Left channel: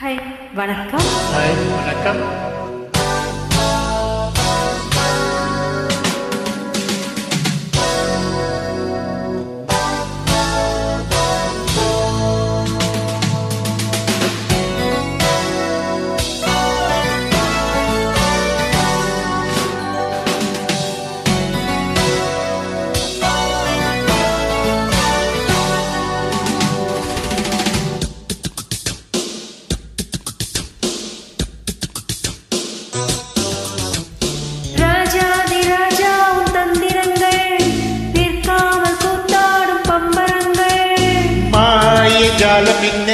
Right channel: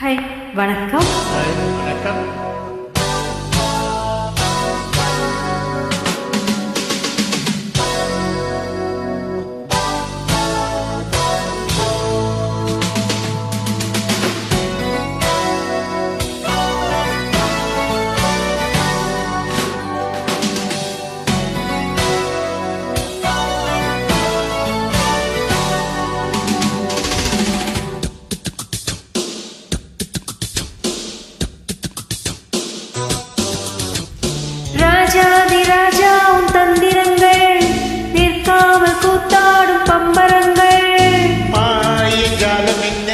Hi வணக்கம். Hi வணக்கம். ராஜாதிராஜா உன் தந்திரங்கள் நிற்காமல் கூத்தாடும் பம்பரங்கள். மாய ஜாலம் என்ன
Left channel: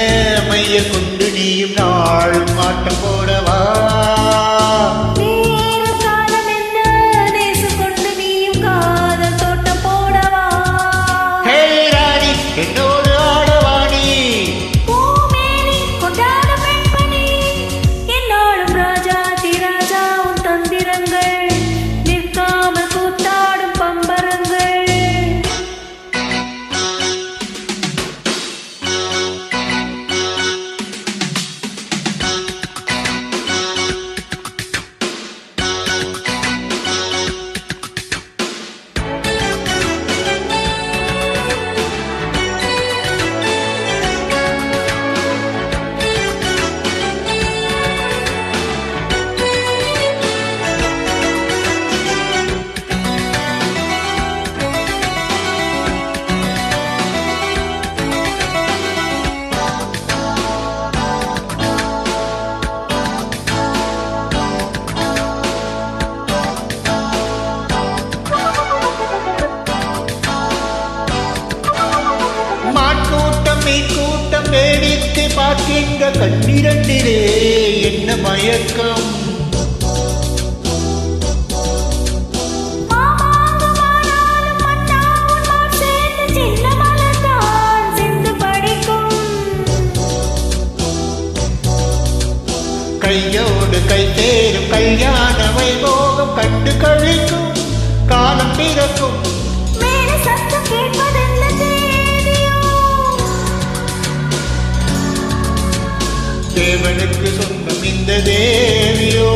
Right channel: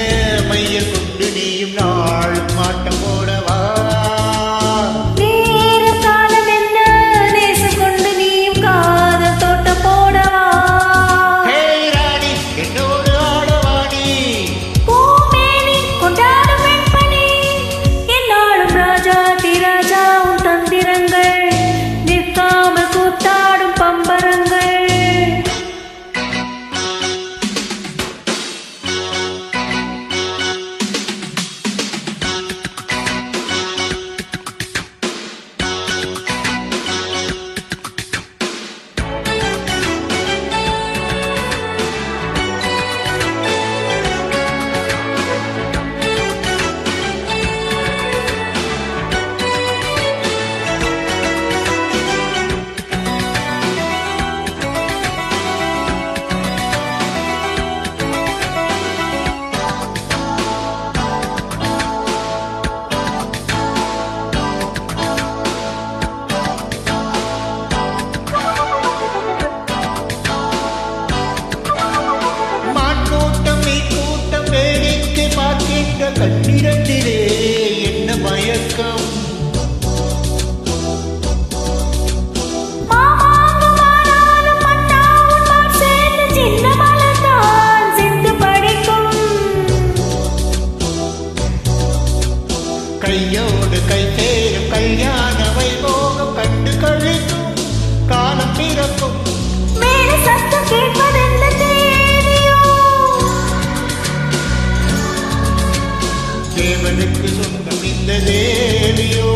மையல் கொண்டு நீயும் நாளும் ஆட்டம் போடவா. நேர காலம் என்ன நேசம் கொண்டு நீயும் காதல் தோட்டம் போடவா. ஹே ராணி என்னோடு ஆடவாணி. பூமேனி கொண்டாடும் வெண்பனி என்னாலும் ராஜாதிராஜா உன் தந்திரங்கள் நிற்காமல் கூத்தாடும் பம்பரங்கள். கூட்டம் நீ கூட்டம் வேடிக்கை பார்க்கின்ற கண்ணிரண்டிலே என்ன மயக்கம். கையோடு கை சேரும் கல்யாண வைபோகம் கண்டு கழிக்கும் காலம் பிறக்கும். மேல சத்தம் கேட்பதென்ன தேவியோ. தேவனுக்கு சொந்தம் இந்த தேவியோ.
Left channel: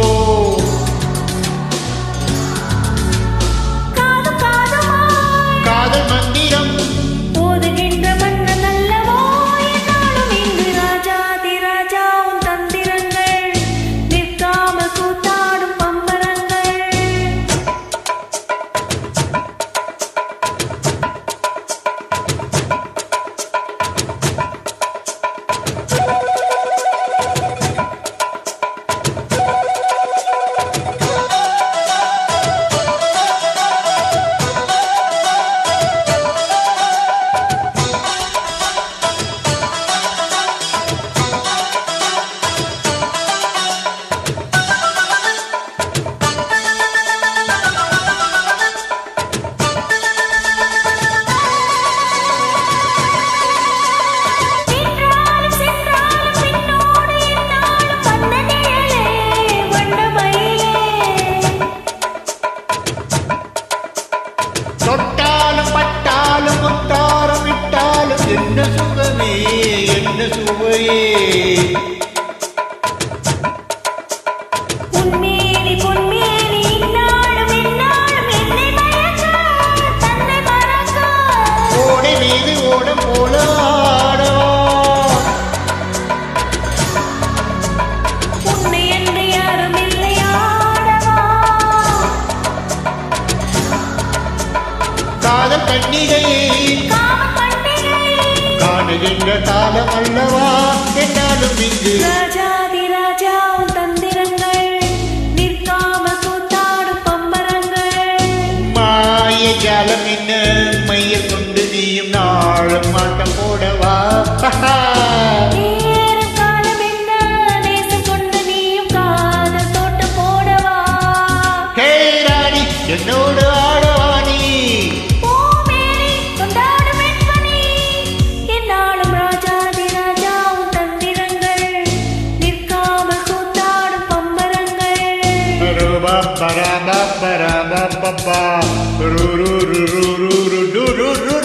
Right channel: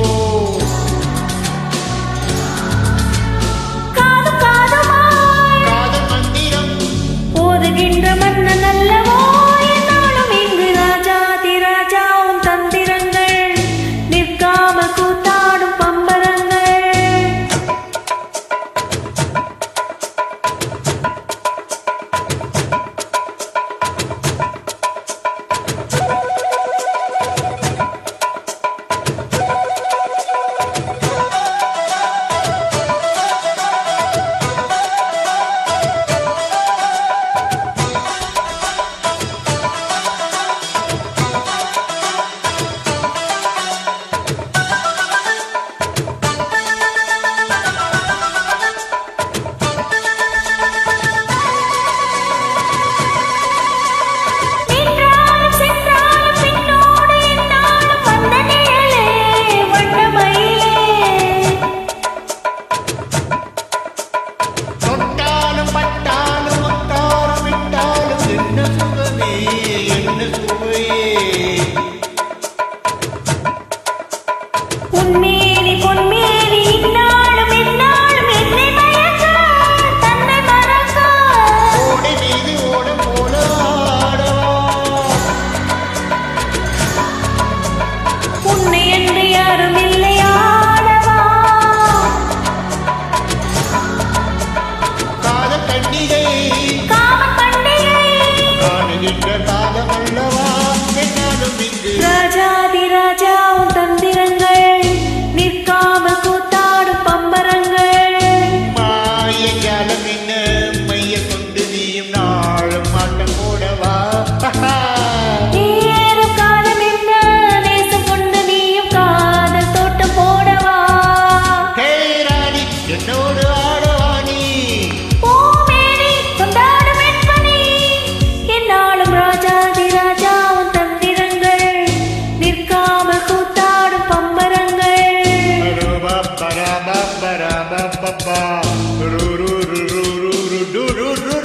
காதும் காதுமாய் காதல் மந்திரம் ஓதுகின்ற மன்னன் அல்லவோ. என்னாலும் இங்கு ராஜாதிராஜா உன் தந்திரங்கள் நிற்காமல் கூத்தாடும் பம்பரங்கள். தொட்டாலும் பட்டாலும் முத்தாரம் விட்டாலும் என்ன சுகமே என்ன சுவையே. உன்மேனி பொன்மேனி இன்னாலும் என்னாலும் என்னை மயக்க தன்னை மறக்க. ஓடை மீது ஓடம் போல ஆடவா. உன்னை என்று யாரும் இல்லை ஆடவா. காதல் கண்ணிகை காமன் பண்டிகை காணுகின்ற காலம் அல்லவா. என்னாலும் இங்கு ராஜாதிராஜா உன் தந்திரங்கள் நிற்காமல் கூத்தாடும் பம்பரங்கள். மாய ஜாலம் என்ன மையல் கொண்டு நீயும் நாளும் ஆட்டம் போடவா. நேரம் காலம் என்ன நேசம் கொண்டு நீயும் காதல் தோட்டம் போடவா. ஹே ராணி என்னோடு ஆடவாணி. பூமேனி கொண்டாடும் வெண்பனி என்னாலும் ராஜாதிராஜா உன் தந்திரங்கள் நிற்காமல் கூத்தாடும் பம்பரங்கள். Ba ba ba ba ba ba ba ba ru ru ru ru ru ru ru ru